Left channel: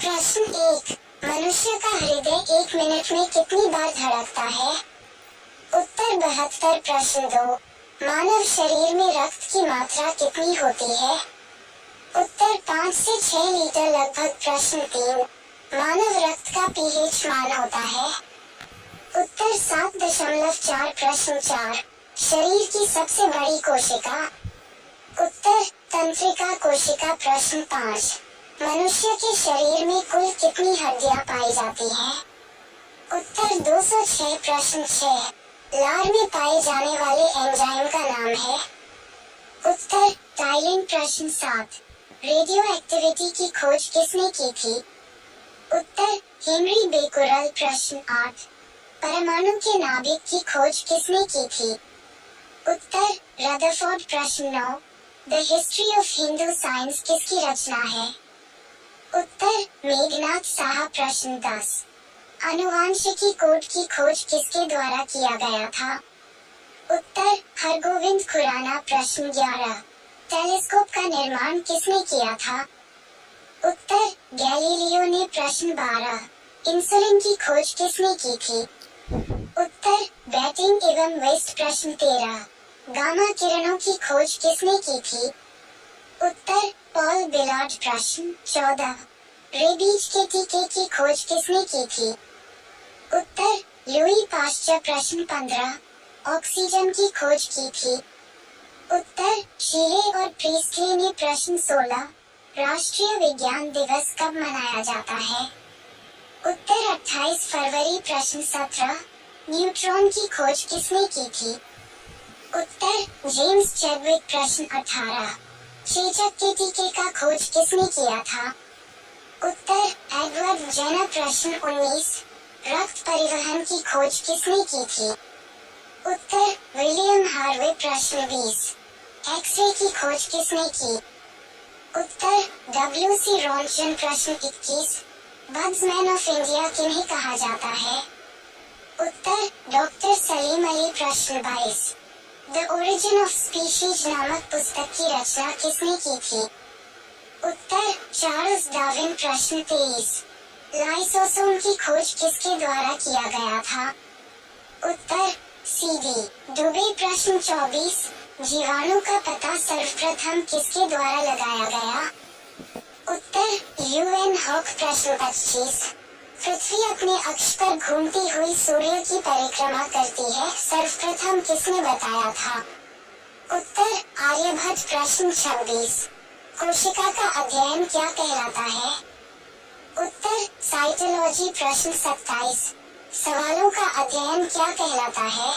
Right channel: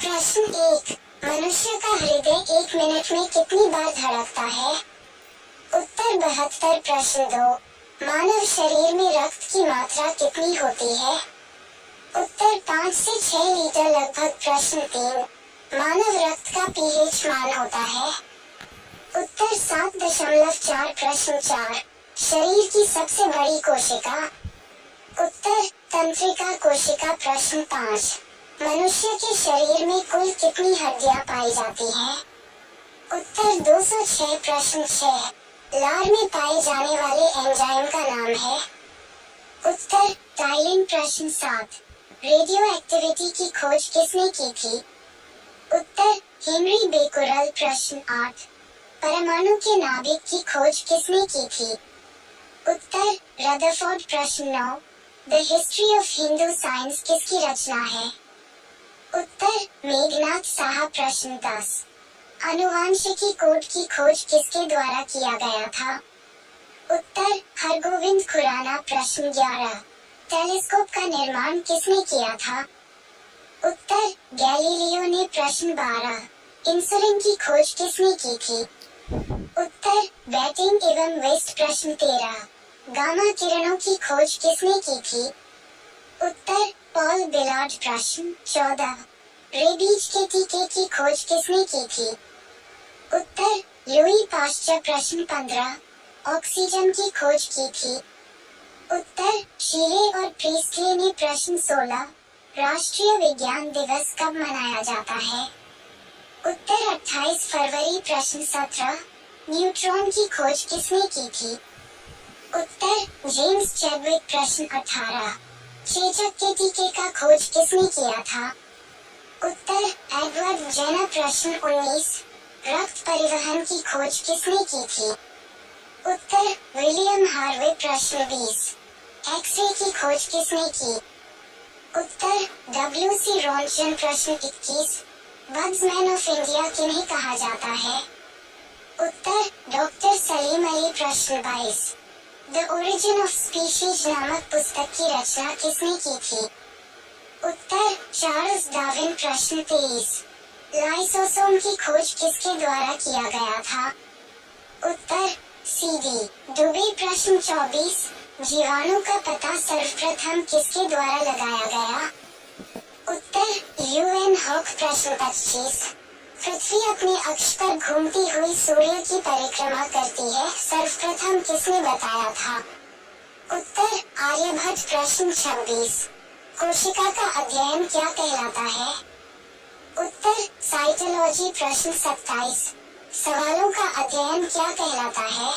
प्रश्न 1। मनुष्य का हृदय 1 मिनट में कितनी बार धड़कता है? उत्तर 72। प्रश्न 2। मानव शरीर में रक्त की मात्रा कितनी होती है? उत्तर 5 से 6 लीटर लगभग। प्रश्न 3। मानव रक्त का पीएच मान होता है? उत्तर 7.4। प्रश्न 4। शरीर की सबसे बड़ी कोशिका? उत्तर तंत्रिका कोशिका। प्रश्न 5। मनुष्य के शरीर में कुल कितनी हड्डियां पाई जाती हैं? उत्तर 206। प्रश्न 6। लार में पाए जाने वाले एंजाइम का नाम है? उत्तर टाइलिन। प्रश्न 7। रेडियो एक्टिविटी की खोज किसने की थी? उत्तर हेनरी बेकुरल। प्रश्न 8। परमाणु के नाभिक की खोज किसने की थी? उत्तर रदरफोर्ड। प्रश्न 9। The history of Hindu science किसकी रचना है? उत्तर मेघनाथ साहा। प्रश्न 10। अनुवांशिकी कोड की खोज किसके द्वारा किया गया था? उत्तर हरगोविंद खुराना। प्रश्न 11। टेलीस्कोप का निर्माण किसने किया था? उत्तर गैलीलियो ने। प्रश्न 12। इंसुलिन की खोज किसने की थी? उत्तर बैटिंग एवं वेस्ट। प्रश्न 13। गामा किरणों की खोज किसने की थी? उत्तर पॉल बिलार्ड। प्रश्न 14। रेबीज के टीके की खोज किसने की थी? उत्तर लुई पाश्चर। प्रश्न 15। ऑक्सीजन की खोज की थी? उत्तर शीले और प्रीस्टले ने। प्रश्न 16। राष्ट्रीय विज्ञान दिवस कब मनाया जाता है? उत्तर 28 फरवरी। प्रश्न 17। न्यूट्रॉन की खोज किसने की थी? उत्तर जेम्स चैडविक। प्रश्न 18। चेचक के टीके का खोज किसने किया था? उत्तर एडवर्ड जेनर। प्रश्न 19। रक्त परिवहन की खोज किसने की थी? उत्तर विलियम हार्वे। प्रश्न 20। एक्सरे की खोज किसने की? उत्तर डब्ल्यू.सी. रॉन्टजन। प्रश्न 21। बग्समैन ऑफ इंडिया किन्हें कहा जाता है? उत्तर डॉक्टर सलीम अली। प्रश्न 22। द ओरिजिन ऑफ स्पीशीज नामक पुस्तक की रचना किसने की थी? उत्तर चार्ल्स डार्विन। प्रश्न 23। लाइसोसोम की खोज किसके द्वारा किया गया था? उत्तर सी.डी. डुबे। प्रश्न 24। जीवाणु का पता सर्वप्रथम किसके द्वारा लगाया गया? उत्तर यू.एन. हॉक। प्रश्न 25। पृथ्वी अपने अक्ष पर घूमती हुई सूर्य की परिक्रमा करती है, सर्वप्रथम किसने बताया था? उत्तर आर्यभट्ट। प्रश्न 26। कोशिका का अध्ययन क्या कहलाता है? उत्तर साइटोलॉजी। प्रश्न 27। सवालों का अध्ययन क्या कहलाता है?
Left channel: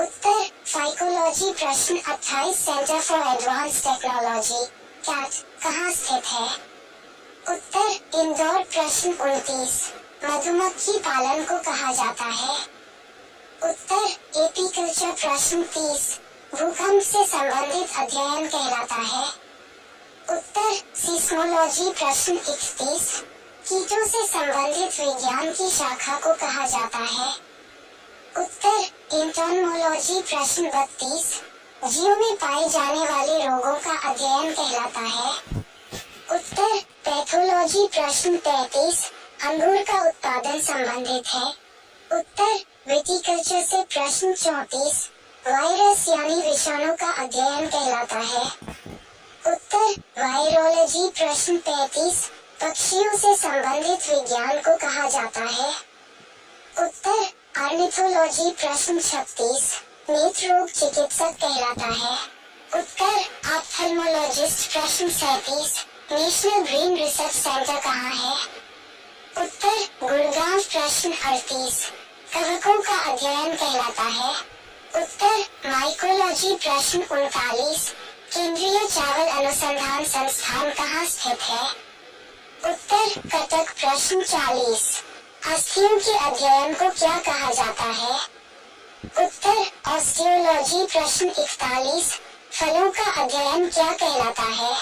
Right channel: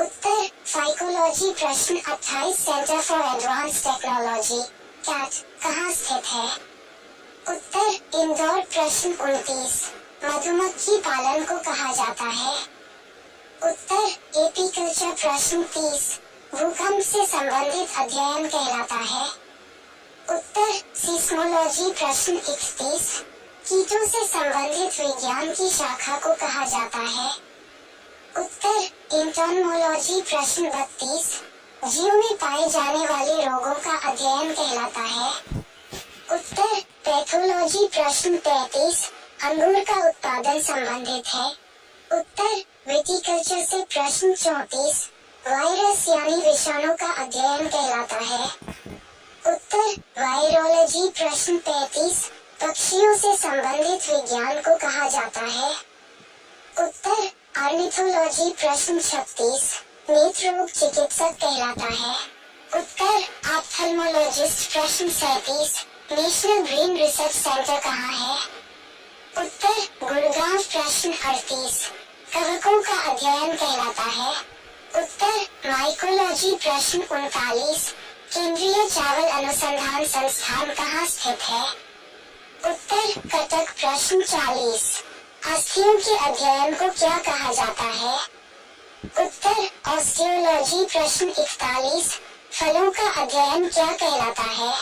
उत्तर फाइकोलॉजी। प्रश्न 28। Centre for advance technology CAT कहाँ स्थित है? उत्तर इंदौर। प्रश्न 29। मधुमक्खी पालन को कहा जाता है? उत्तर एपीकल्चर। प्रश्न 30। भूकंप से संबंधित अध्ययन कहलाता है? उत्तर सिस्मोलॉजी। प्रश्न 31। कीटों से संबंधित विज्ञान की शाखा को कहा जाता है? उत्तर इंटर्नोलॉजी। प्रश्न 32। जीव में पाए जाने वाले रोगों का अध्ययन कहलाता है? उत्तर पैथोलॉजी। प्रश्न 33। अंगूर का उत्पादन संबंधित है? उत्तर विटिकल्चर से। प्रश्न 34। वायरस यानी विषाणु का अध्ययन कहलाता है? उत्तर वायरोलॉजी। प्रश्न 35। पक्षियों से संबंधित विज्ञान को कहा जाता है? उत्तर ऑर्निथोलॉजी। प्रश्न 36। नेत्र रोग चिकित्सक कहलाता है? उत्तर ऑप्थेल्मोलॉजिस्ट। प्रश्न 37। नेशनल ब्रेन रिसर्च सेंटर कहाँ है? उत्तर गुड़गांव। प्रश्न 38। कवकों का अध्ययन कहलाता है? उत्तर माइकोलॉजी। प्रश्न 39। केंद्रीय चावल अनुसंधान संस्थान कहाँ स्थित है? उत्तर कटक। प्रश्न 40। अस्थियों के अध्ययन को क्या कहा जाता है? उत्तर ऑस्टियोलॉजी। प्रश्न 41। फलों का अध्ययन क्या कहलाता है?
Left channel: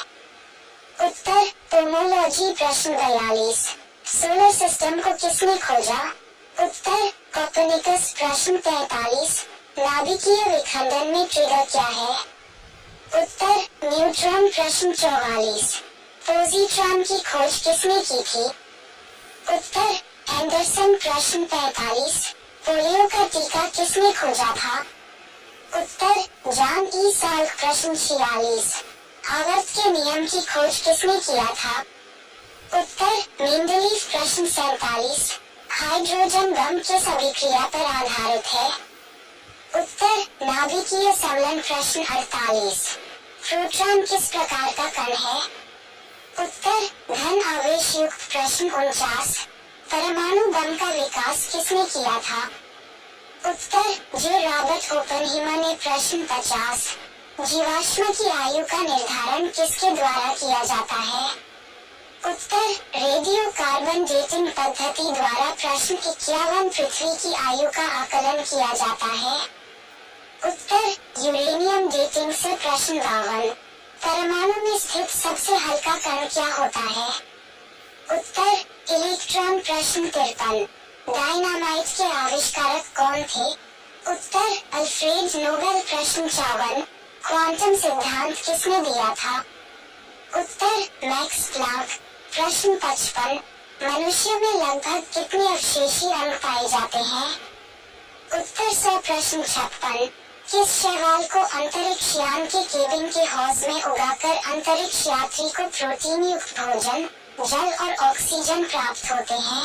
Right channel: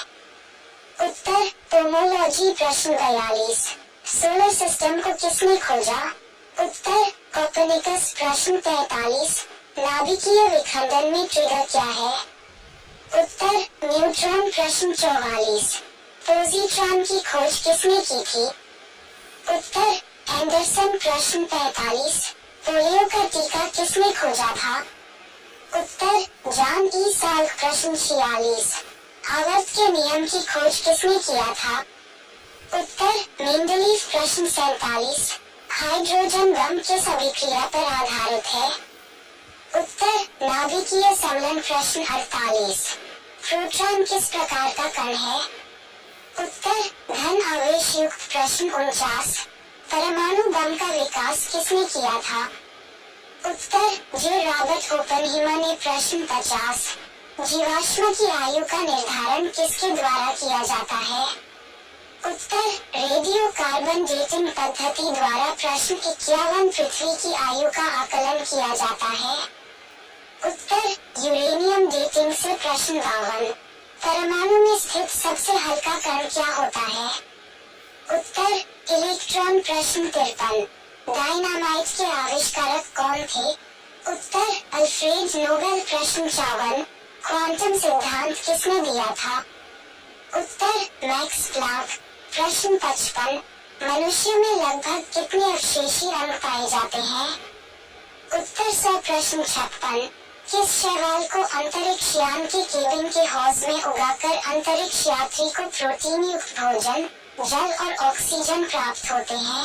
उत्तर पोमोलॉजी। प्रश्न 42। सोलर सिस्टम को किसने खोजा? उत्तर कोपर्निकस। प्रश्न 43। नाभिकीय विखंडन में ट्रिगर क्या है? उत्तर न्यूट्रॉन। प्रश्न 44। पोजीट्रॉन की खोज किसने की थी? उत्तर एंडरसन। प्रश्न 45। पोलियो का टीका किसने खोजा था? उत्तर जॉन ई साल्क। प्रश्न 46। आवर्त के नियम की खोज किसने किया था? उत्तर मेंडलीफ। प्रश्न 47। हाइड्रोजन बम किस अभिक्रिया पर आधारित है? उत्तर नाभिकीय समलन। प्रश्न 48। प्रोटॉन किस प्रकार का कण है? उत्तर धन आवेश युक्त। प्रश्न 49। परमाणु बम का विकास किसने किया था? उत्तर जे रॉबर्ट ओपेनहीमर ने। प्रश्न 50। जीवाश्म की आयु का निर्धारण किसके द्वारा किया जाता है? उत्तर रेडियो कार्बन डेटिंग पद्धति द्वारा। प्रश्न 51। पृथ्वी की आयु का आकलन किया जाता है? उत्तर यूरेनियम डेटिंग से। प्रश्न 52। परमाणु में स्थित सबसे हल्का कण क्या होता है? उत्तर इलेक्ट्रॉन। प्रश्न 53। डायनामाइट के आविष्कारक कौन थे? उत्तर अल्फ्रेड नोबेल। प्रश्न 54। क्वांटम सिद्धांत किसने दिया था? उत्तर मैक्स प्लांक। प्रश्न 55। मनुष्य में लगभग कितने अवशेषी अंग पाए जाते हैं? उत्तर 100। प्रश्न 56। किस शैवाल को अंतरिक्ष यान के केबिन के हौज में उगाकर अंतरिक्ष यात्री को प्रोटीन युक्त भोजन, जल और ऑक्सीजन प्राप्त होते हैं?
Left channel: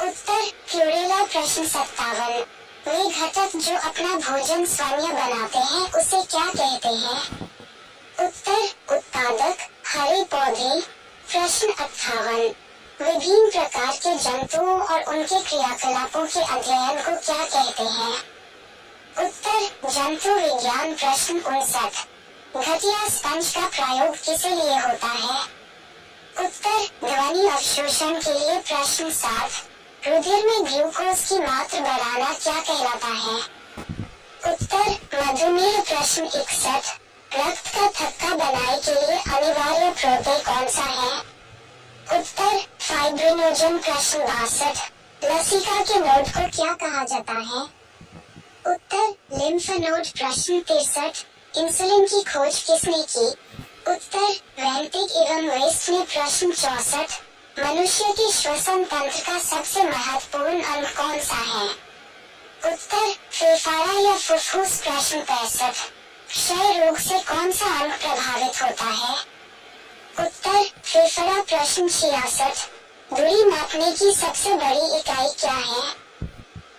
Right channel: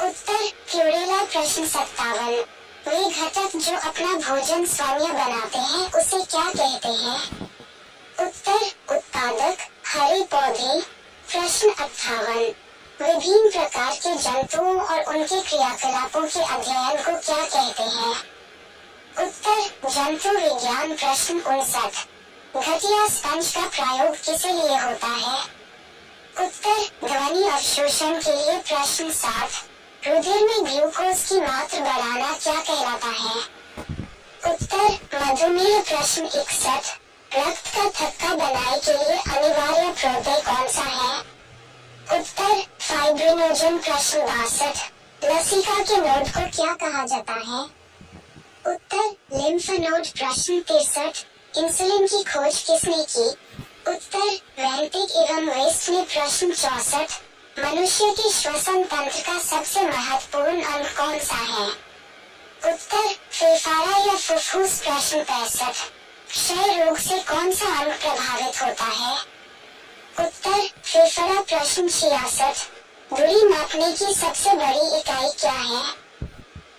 उत्तर क्लोरेला। प्रश्न 57। वे घटक जो अपना भोजन स्वयं बनाते हैं उसे क्या कहते हैं? उत्तर उत्पादक, हरे पौधे। प्रश्न 58। विभिन्न प्रकार के जंतुओं और उनके क्रियाकलापों के अध्ययन को क्या कहते हैं? उत्तर जंतु विज्ञान। प्रश्न 59। घटिया स्पंज का प्रयोग किस लिए होता है? उत्तर ध्वनि अवशोषण के लिए। प्रश्न 60। रुधिर में ग्लूकोज की मात्रा बढ़ाना क्या कहलाता है? उत्तर मधुमेह। प्रश्न 61। रक्त का थक्का बनाने के लिए अनिवार्य प्रोटीन कौन सा है? उत्तर फाइब्रिनोजन। प्रश्न 62। लसिका के नोड को क्या कहा जाता है? उत्तर लिम्फ नोड। प्रश्न 63। इंसुलिन की खोज किसने की? उत्तर वेंटिक एवं वेस्ट ने। प्रश्न 64। मनुष्य के श्वसन तंत्र का सबसे महत्वपूर्ण अंग कौन सा है? उत्तर फेफड़ा या फुफ्फुस। प्रश्न 65। क्षय रोग से कौन सा अंग प्रभावित होता है? उत्तर फेफड़ा। प्रश्न 66। दूरी मापने की सबसे बड़ी इकाई क्या है?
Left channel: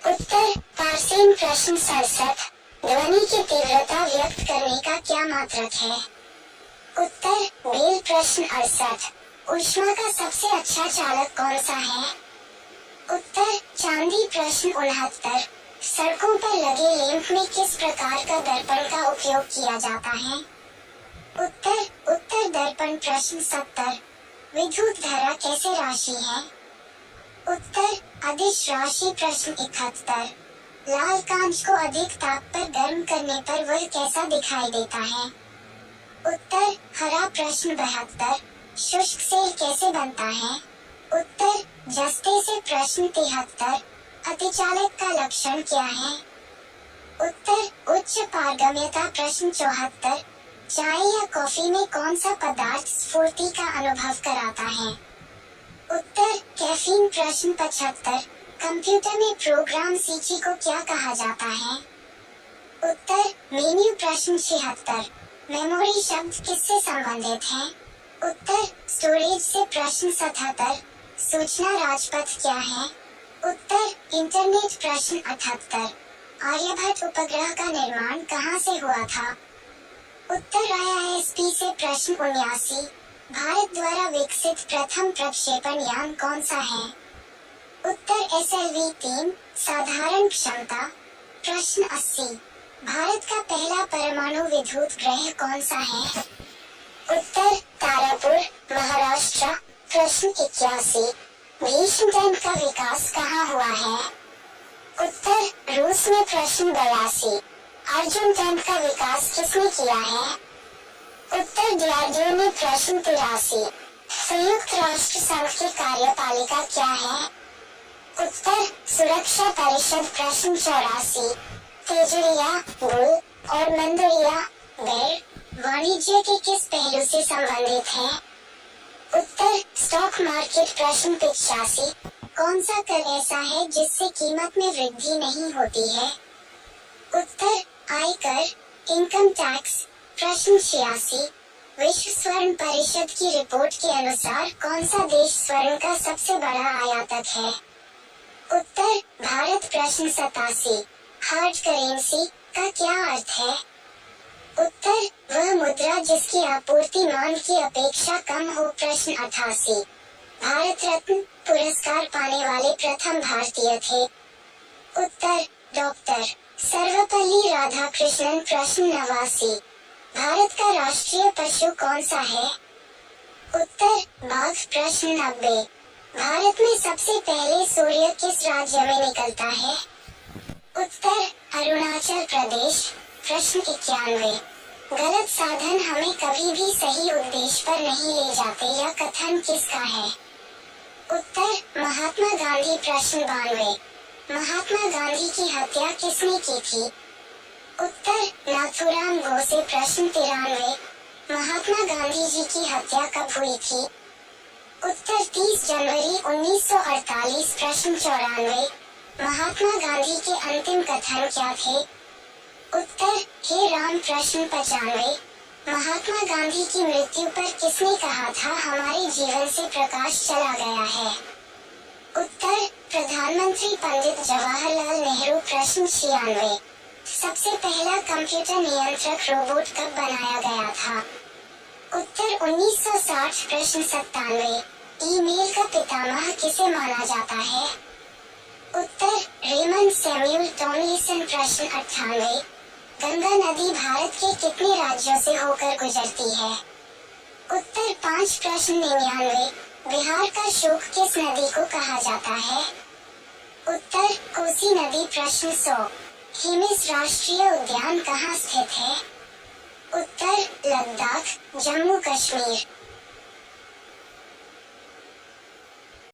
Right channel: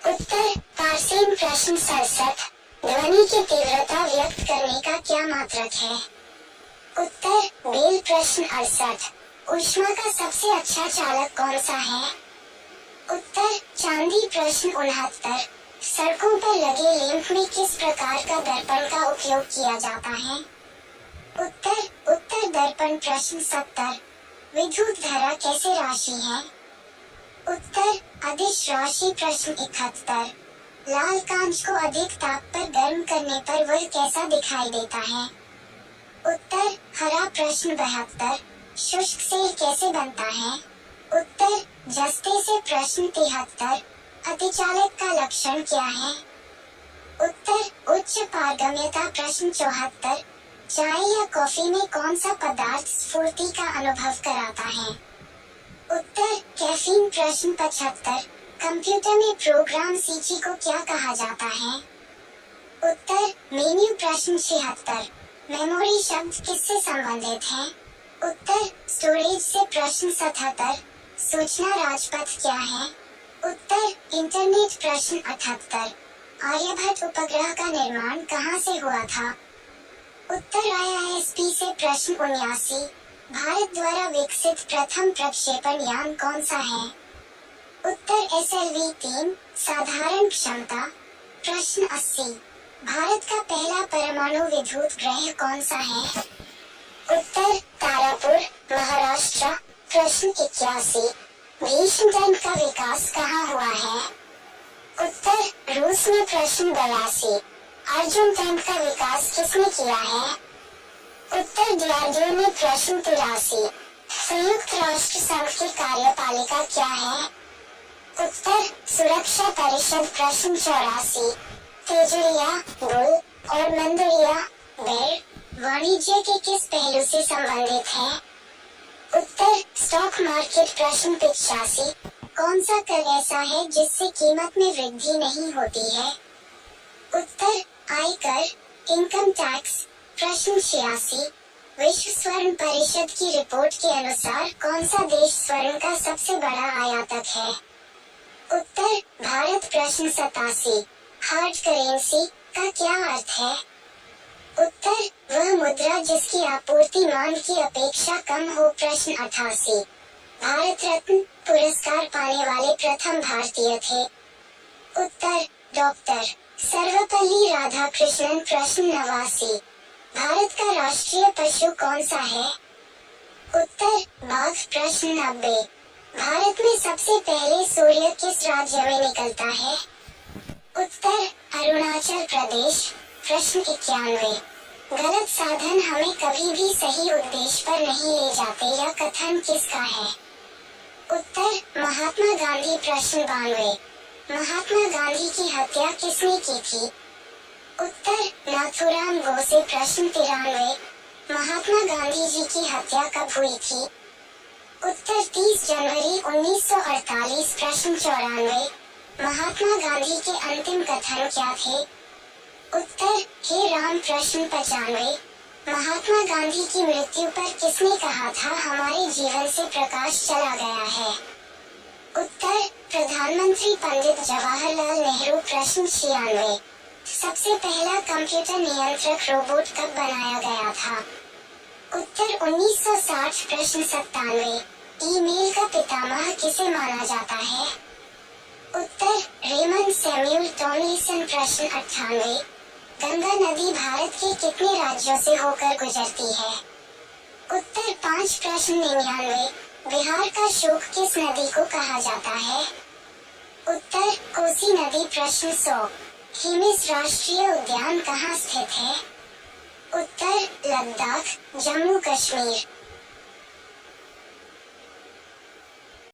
उत्तर पार्सेन। प्रश्न 67। ध्वनि की तीव्रता व्यक्त करने का क्या मात्रक है? उत्तर बेल। प्रश्न 68। ऊष्मा का सबसे अच्छा चालक कौन सा है? उत्तर चांदी। प्रश्न 69। सड़कों पर लगे लैंप में किस प्रकार का दर्पण का उपयोग किया जाता है? उत्तर दर्पण। प्रश्न 70। विद्युत धारा कैसे राशि है? उत्तर अदिश राशि। प्रश्न 71। लाल कांच को अधिक ताप पर गर्म करने पर वह कैसा दिखाई देता है? उत्तर हरा। प्रश्न 72। शुष्क सेल कैसे बनता है? उत्तर जस्ते से। प्रश्न 73। अतिचालक का लक्षण क्या है? उत्तर उच्च पारगम्यता। प्रश्न 74। चाय या कॉफी में कौन सा पदार्थ स्फूर्ति का अनुभव कराता है? उत्तर कैफीन। प्रश्न 75। कंप्यूटर में प्रोग्राम सूची को क्या कहा जाता है? उत्तर मेन्यू। प्रश्न 76। मेमोरी शब्द किससे संबंधित है? उत्तर स्टोरेज से। प्रश्न 77। सूचना राजपथ क्या है? उत्तर इंटरनेट। प्रश्न 78। आर्यभट्ट उपग्रह का निर्माण कहाँ से हुआ था? उत्तर IISP से। प्रश्न 79। भारत द्वारा विकसित प्रथम प्रक्षेपण यान कौन सा है? उत्तर SLV-3 साधारण क्षमता। प्रश्न 80। भारत का पहला परमाणु विद्युत ग्रह कौन सा है? उत्तर तारापुर, महाराष्ट्र। प्रश्न 81। भीष्म टैंक का विकास कहाँ हुआ है? उत्तर रूस में। प्रश्न 82। अर्जुन टैंक का विकास किसने किया है? उत्तर DRDO ने। प्रश्न 83। संयुक्त राष्ट्र संघ की कार्यपालिका क्या है? उत्तर सुरक्षा परिषद। प्रश्न 84। तेजुरिया बुल और मंदुरिया बेर वाणिज्य के किस पहलू से संबंधित है? उत्तर स्टॉक मार्केट। प्रश्न 85, कौन सा कर ऐसा है जिससे कीमत में वृद्धि नहीं होती है? उत्तर आयकर, इनकम टैक्स। प्रश्न 86, विश्व स्वर्ण परिषद की रिपोर्ट के अनुसार कौन सा देश स्वर्ण का सबसे बड़ा आयातक है? उत्तर भारत। प्रश्न 87, हार्ड करेंसी का क्या अर्थ है? उत्तर वह मुद्रा जिसकी आपूर्ति मांग की अपेक्षा कम हो। प्रश्न 88, भारत रत्न पुरस्कार पाने वाले प्रथम भारतीय थे? उत्तर डॉक्टर सर्वपल्ली राधाकृष्णन। प्रश्न 89, भारत का राष्ट्रीय पशु कौन सा है? उत्तर बाघ। प्रश्न 90, भारत में सबसे पहले सूर्य किस राज्य में निकलता है? उत्तर अरुणाचल प्रदेश। प्रश्न 91, गलत साधन हमें कभी भी सही उद्देश्य पर नहीं ले जाते, यह कथन किसका है? उत्तर महात्मा गांधी। प्रश्न 92, महात्मा गांधी की हत्या किसने की थी? उत्तर नाथूराम गोडसे। प्रश्न 93, महात्मा गांधी जी की हत्या कब हुई थी? उत्तर 30 जनवरी 1948। प्रश्न 94, महात्मा गांधी के अंतिम कथन क्या थे? उत्तर हे राम। प्रश्न 95, महात्मा गांधी की मृत्यु पर किसने कहा था हमारे जीवन से प्रकाश चला गया है? उत्तर प्रधानमंत्री पंडित जवाहरलाल नेहरू। प्रश्न 96, सबसे पहला कंप्यूटर नियंत्रक रोबोट कब बनाया गया था? उत्तर 1960। प्रश्न 97, ईमेल का पितामह किसे माना जाता है? उत्तर रेमंड सैमुअल टॉमलिंसन। प्रश्न 98, गंगा नदी भारत के कितने राज्यों से होकर गुजरती है? उत्तर 5। प्रश्न 99, बिहार का शोक किस नदी को कहा जाता है? उत्तर कोसी नदी। प्रश्न 100, हिमिस राष्ट्रीय उद्यान कहाँ स्थित है? उत्तर लद्दाख, जम्मू कश्मीर।